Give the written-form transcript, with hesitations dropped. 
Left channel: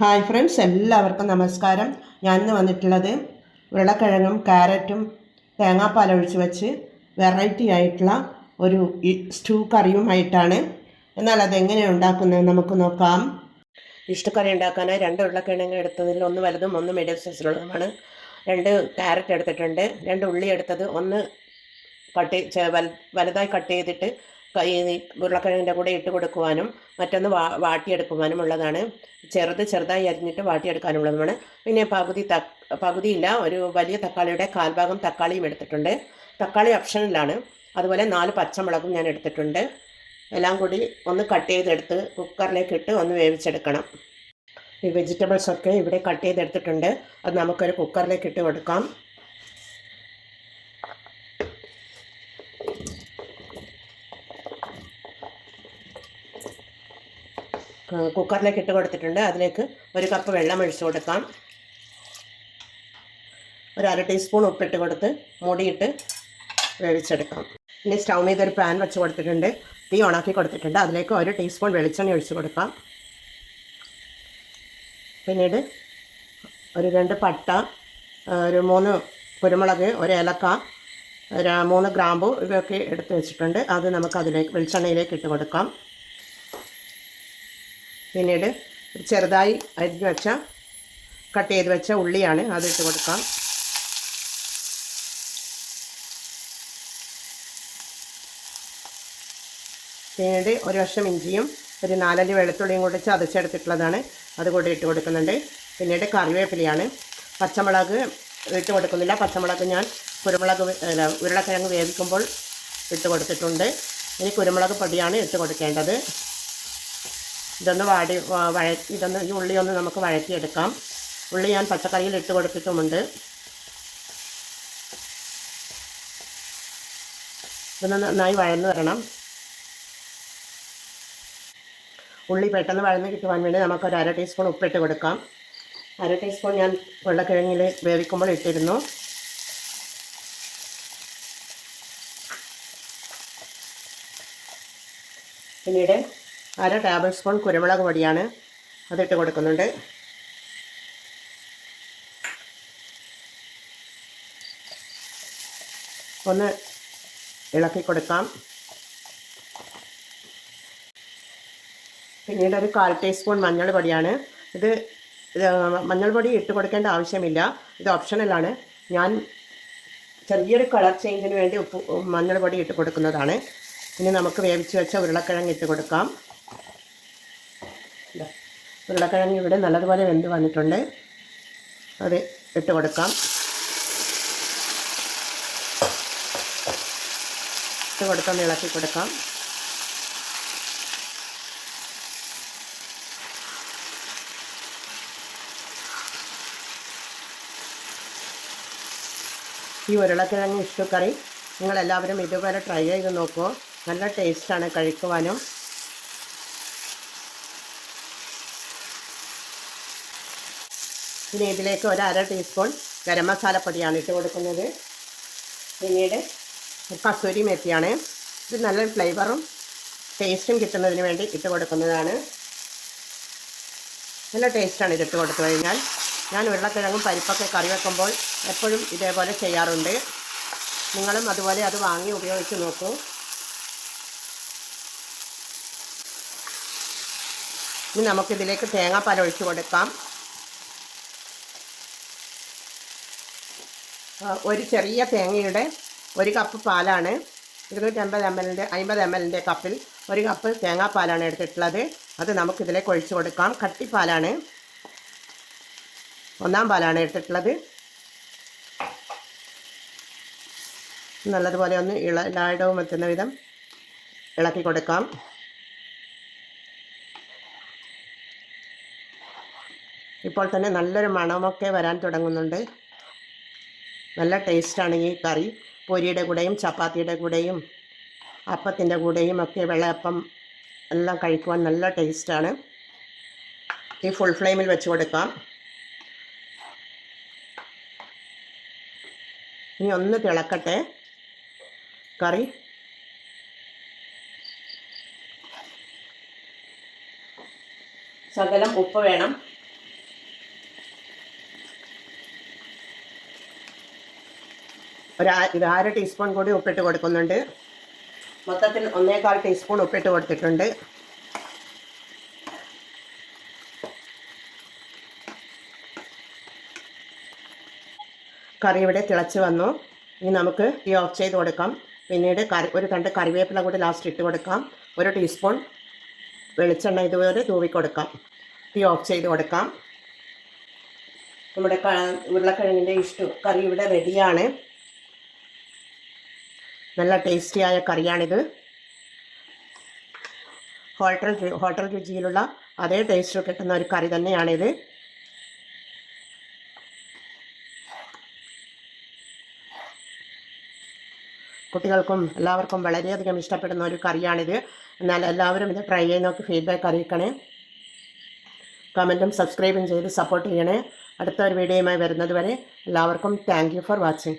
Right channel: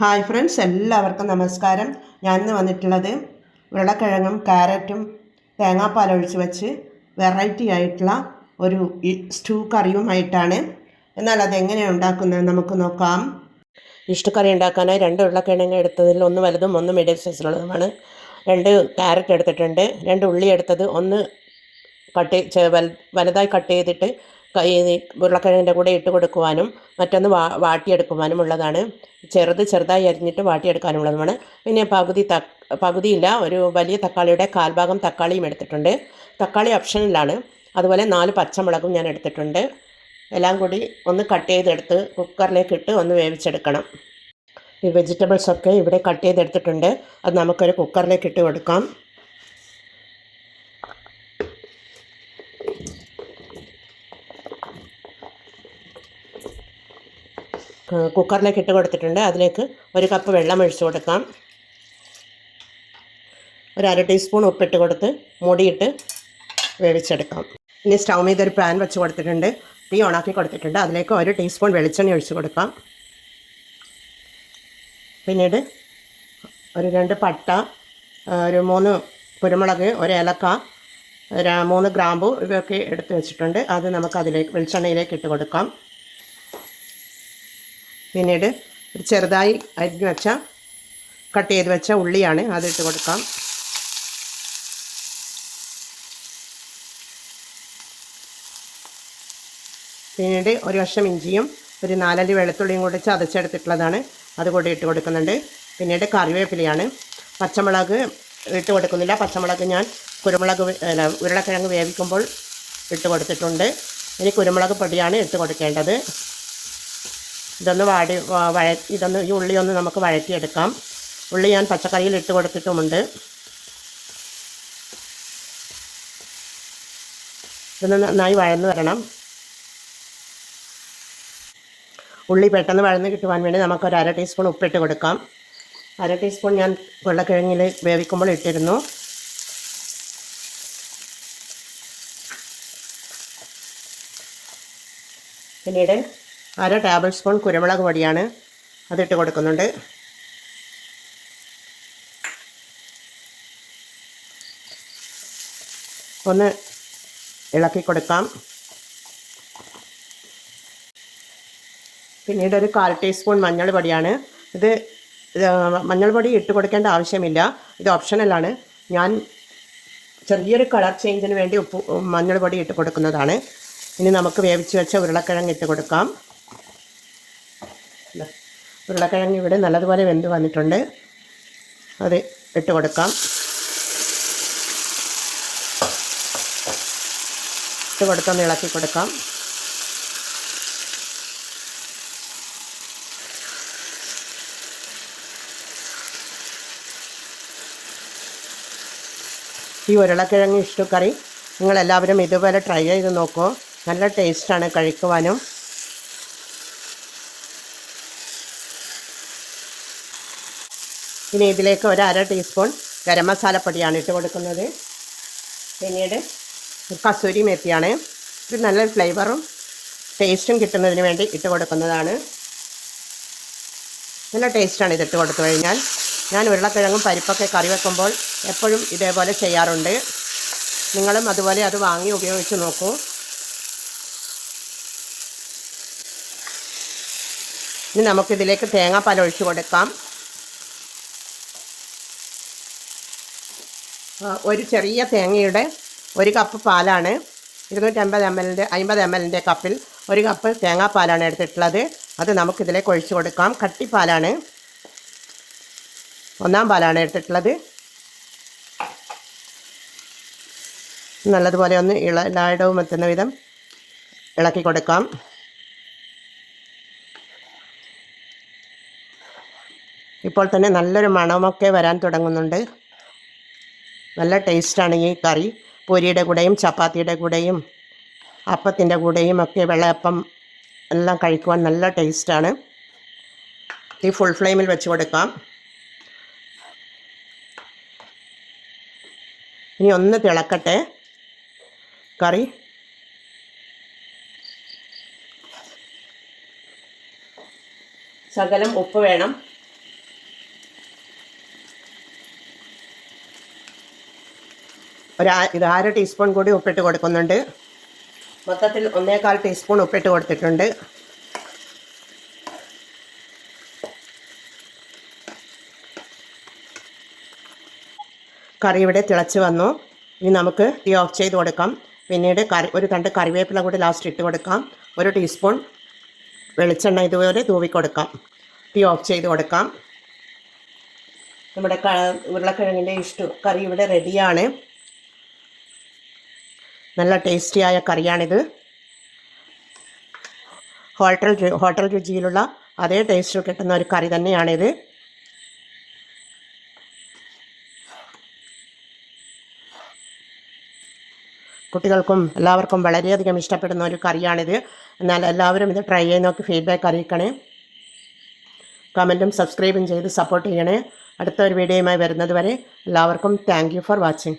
Hi friends, എല്ലാവർക്കും നമസ്കാരം. ഞാനിന്ന് വന്നിട്ടുള്ളത് ഉരുളക്കിഴങ്ങും ക്യാരറ്റും തേങ്ങാപ്പാലൊഴിച്ച് വെച്ച് വെറൈറ്റി ആയിട്ടുള്ള ഒരു സ്റ്റൂ കറിയുമായിട്ടാണ്. എന്നാൽ അതെങ്ങനെയാണ് ഉണ്ടാക്കുന്നത് നമുക്ക് നോക്കാം. ഇഷ്ടു കറി ഉണ്ടാക്കാനായി 2 ഉരുളക്കിഴങ്ങ് എടുത്തതിൽ ഒന്ന് വലുതും ഒന്ന് മീഡിയം സൈസിലുള്ളതുമാണ്. 2 ക്യാരറ്റ് എടുത്തിട്ടുണ്ട്. 2 ഉള്ളി എടുത്തത് ഒന്ന് വലുതായി കട്ട് ചെയ്തിട്ട് ഉരുളക്കിഴങ്ങിൻ്റെ കൂടെ ഇട്ട് കൊടുക്കുവാനും മറ്റൊന്ന് വാട്ടിയെടുക്കുവാനും ഉള്ളതാണ്. ചെറുതായി അരിഞ്ഞിട്ട് വാട്ടിയെടുക്കാനുള്ളതുമാണ്. പിന്നെ പകുതിയില്ല, ഒരു വലിയ തക്കാളിയുടെ കാൽഭാഗം തക്കാളിയും എടുത്തിട്ടുണ്ട്. തക്കാളി ഓപ്ഷനിലാണ്. അതുപോലെ 4 പച്ചമുളകും ഞാൻ എടുത്തിട്ടുണ്ട്. എല്ലാം കൂടി ഒന്ന് കട്ട് ചെയ്തെടുത്ത് കുക്കറിലേക്ക് ഇട്ട് ഒന്ന് വേവിച്ചെടുക്കണം. ഈ വെജിറ്റബിൾസൊക്കെ ഇവിടെ കട്ട് ചെയ്തെടുത്തിട്ടുണ്ട്. അത് നമുക്കൊരു കുക്കറിലേക്ക് ഇട്ട് കൊടുക്കാം. കുക്കറിലേക്ക് ഇട്ട് കൊടുത്തിട്ടുണ്ട്. അതിലേക്ക് 1 കപ്പ് വെള്ളം ഒഴിച്ചു കൊടുക്കാം. ഒരു 1/2 ടീസ്പൂൺ ഉപ്പിട്ട് കൊടുത്ത് മൂടിയിട്ട് വേവിച്ചെടുക്കാം. ഇനി സ്റ്റൗ മീത് ഒരു പാൻ വെച്ച് കൊടുത്തിട്ടുണ്ട്. തീ ഓണാക്കി കൊടുത്തിട്ടുണ്ട്. അതിലേക്ക് 1 ടീസ്പൂൺ വെളിച്ചെണ്ണ ഒഴിച്ച് കൊടുക്കാം. പിന്നീട് ഒരു 2 പട്ട, ഒരു 3 കുരുമുളക്, 1 ഏലക്ക, 3 ഗ്രാമ്പു ഇതൊക്കെ എടുത്ത് വെച്ചിട്ടുണ്ട്. അത് നമുക്ക് വെളിച്ചെണ്ണയിലേക്ക് ഇട്ട് കൊടുക്കാം. പിന്നീട് ചെറുതായി കട്ട് ചെയ്ത് വെച്ച ഉള്ളിയാണ്, അതിട്ട് കൊടുക്കാം. പിന്നീട് ഒരു കഷ്ണം ഇഞ്ചിയും ഒരു 4 അല്ലി വെളുത്തുള്ളിയും കൂടി ചതച്ചെടുത്തിട്ടുള്ളതാണ്, അതുകൂടി ഇട്ട് കൊടുക്കുന്നുണ്ട്. പിന്നീട് കറിവേപ്പിലയാണ്. പച്ചമുളക് ഇട്ട് കൊടുക്കുന്നില്ല. പച്ചമുളക് ഞാൻ ഉരുളക്കിഴങ്ങ് വേവിക്കുമ്പോൾ ഇട്ട് കൊടുത്തിട്ടുണ്ട്. ഇനി കുരുമുളക് പൊടിയാണ് ഇട്ട് കൊടുക്കേണ്ടത്. ഈ ഉള്ളി ഒന്ന് നമുക്ക് വഴറ്റിയെടുക്കാം. ഉള്ളി ഞാൻ പച്ചക്കറിയിൽ ഇട്ട് കൊടുത്തിട്ടുമുണ്ട്. ഇതൊന്ന് നന്നായി വഴന്ന് വരണം. ഉള്ളി പെട്ടെന്ന് വഴന്ന് കിട്ടുവാൻ വേണ്ടി നമുക്കൊരു 1/2 ടീസ്പൂൺ ഉപ്പിട്ട് കൊടുക്കാം. 1/2 ടീസ്പൂൺ ഞാൻ ഉരുളക്കിഴങ്ങിൽ വേവിക്കുമ്പോൾ ഇട്ടിരുന്നു. പിന്നീട് 1/2 ടേബിൾ സ്പൂൺ കുരുമുളക് പൊടിയാണ്, അതിട്ട് കൊടുക്കുന്നുണ്ട്. ഒന്ന് ഇളക്കി കൊടുക്കാം. പിന്നീട് ഒരു 1/4 ടീസ്പൂൺ മഞ്ഞൾ പൊടിയാണ്. മഞ്ഞൾ പൊടി ഇട്ട് കൊടുക്കേണ്ട ആവശ്യമില്ല, ഇത് ഓപ്ഷണലാണ്. ഞാൻ ചെറിയൊരു കളർ ചേഞ്ചിന് വേണ്ടി മഞ്ഞൾ പൊടി ഇട്ട് കൊടുക്കുന്നതാണ്. ഇനി നമുക്ക് വേവിച്ച് വെച്ച ഉരുളക്കിഴങ്ങ് ഇട്ട് കൊടുക്കാം. ഉരുളക്കിഴങ്ങ് ഇവിടെ നല്ലതുപോലെ വെന്ത് വന്നിട്ടുണ്ട്. അത് ഇട്ട് കൊടുക്കാം. ഇട്ട് കൊടുത്തൊന്ന് ഇളക്കി കൊടുക്കാം. ഈ ഉരുളക്കിഴങ്ങ് ഇഷ്ടു കറി നിങ്ങളെല്ലാവരും ഇതുപോലെ ട്രൈ ചെയ്ത് നോക്കൂ. നല്ല ടേസ്റ്റാണ് കഴിക്കുവാനും. ഇനി ഇതിലേക്ക് ഒരു 1/2 ടീസ്പൂൺ ഗരം മസാലപ്പൊടിയാണ് ഇട്ട് കൊടുക്കുന്നത്. പിന്നീട് കസൂരി മേത്തിയാണ്. ഇത് നല്ല ഫ്ലേവറും ടേസ്റ്റും കിട്ടുന്നതിന് വേണ്ടി ഇട്ട് കൊടുക്കുന്നതാണ്. നല്ല ടേസ്റ്റാണ് ഇതിട്ട് കൊടുത്തു കഴിഞ്ഞാൽ. ഞാൻ ഉരുളക്കിഴങ്ങും പരിപ്പൊക്കെ കറി വെക്കുമ്പോൾ എപ്പോഴും ഇതേപോലെ ചെയ്യാറുണ്ട്. നിങ്ങളും അതുപോലെ അത് വാങ്ങി ഉപയോഗിച്ച് നോക്കൂ. ഇനി നമുക്കിതിലേക്ക് തേങ്ങാപ്പാൽ ഒഴിച്ച് കൊടുക്കാം. ഒരു ചെറിയ തേങ്ങയുടെ 1 കപ്പ് പാലാണ്. 50 ml കപ്പിൽ 1 കപ്പ് തേങ്ങാപ്പാലാണ് എടുത്തിട്ടുള്ളത്. അത് നമുക്കിതിലേക്ക് ഒഴിച്ച് കൊടുക്കാം. കട്ടിപ്പാലാണ്, 1-ാം പാലാണ് എടുത്തിട്ടുള്ളത്. നല്ലതുപോലെ ഒന്ന് എല്ലായിടവും എത്തുന്ന വിധം ഇളക്കി കൊടുക്കാം. ഇപ്പോൾ തന്നെ നല്ലൊരു മണമൊക്കെ വരാൻ തുടങ്ങുന്നുണ്ട്. നല്ല ടേസ്റ്റാണ് ഈ കറി. പൂരിയുടെ കൂടെയും ചപ്പാത്തിയുടെ കൂടെയും അപ്പത്തിൻ്റെ കൂടെയും ഒക്കെ വെള്ളയപ്പം എല്ലാം കഴിക്കുവാൻ നല്ല ടേസ്റ്റാണ്. ഈ ഫുൾ ഫ്ലെയിമിൽ വെച്ച് കൊടുക്കാം. ഇനി ഒന്ന് തിളക്കട്ടെ കറി. ശകലം ഉപ്പ് വേണം. ഇത് 1/2 ടീസ്പൂൺ കൂടി ഉപ്പിട്ട് കൊടുക്കുന്നുണ്ട്. മൊത്തത്തിൽ 1/4 ടീസ്പൂൺ ഉപ്പിട്ട് കൊടുത്തിട്ടുണ്ട്. കറി ഇവിടെ തിളച്ച് വന്നു. ഇനി നമുക്ക് തീ ഓഫ് ചെയ്ത് കൊടുക്കാം. പിന്നീട് ഒരു തണ്ട് കറിവേപ്പില കൂടി ലാസ്റ്റ് ഇട്ട് കൊടുക്കാം. 1 ടീസ്പൂൺ വെളിച്ചെണ്ണ ഇതുപോലെ തൂവി കൊടുക്കാം. തീ ഓഫ് ചെയ്ത് കൊടുക്കാം. നമ്മുടെ ഉരുളക്കിഴങ്ങിൻ്റെ കറി ഇവിടെ റെഡിയാണ്. നല്ല ടേസ്റ്റിയായ കറിയാണിത്. ഹോട്ടൽ രുചിയിലുള്ള അതേ ടേസ്റ്റ് കിട്ടുന്ന ഒരു കറി തന്നെയാണിത്. കുട്ടികൾക്കും എല്ലാവർക്കും വളരെയധികം ഇഷ്ടപ്പെടുന്ന ഒരു കറിയാണിത്. എന്നാൽ എല്ലാവരും ഇത് ട്രൈ ചെയ്ത് നോക്കി ഫീഡ്ബാക്ക് അറിയിക്കണേ. കമൻറ്റും സബ്സ്ക്രൈബും ചെയ്ത് സപ്പോർട്ട് ചെയ്യണേ. അടുത്ത ഒരു വീഡിയോയുമായി വരുന്നത് വരെ എല്ലാവർക്കും താങ്ക് യു ഫോർ വാച്ചിങ്.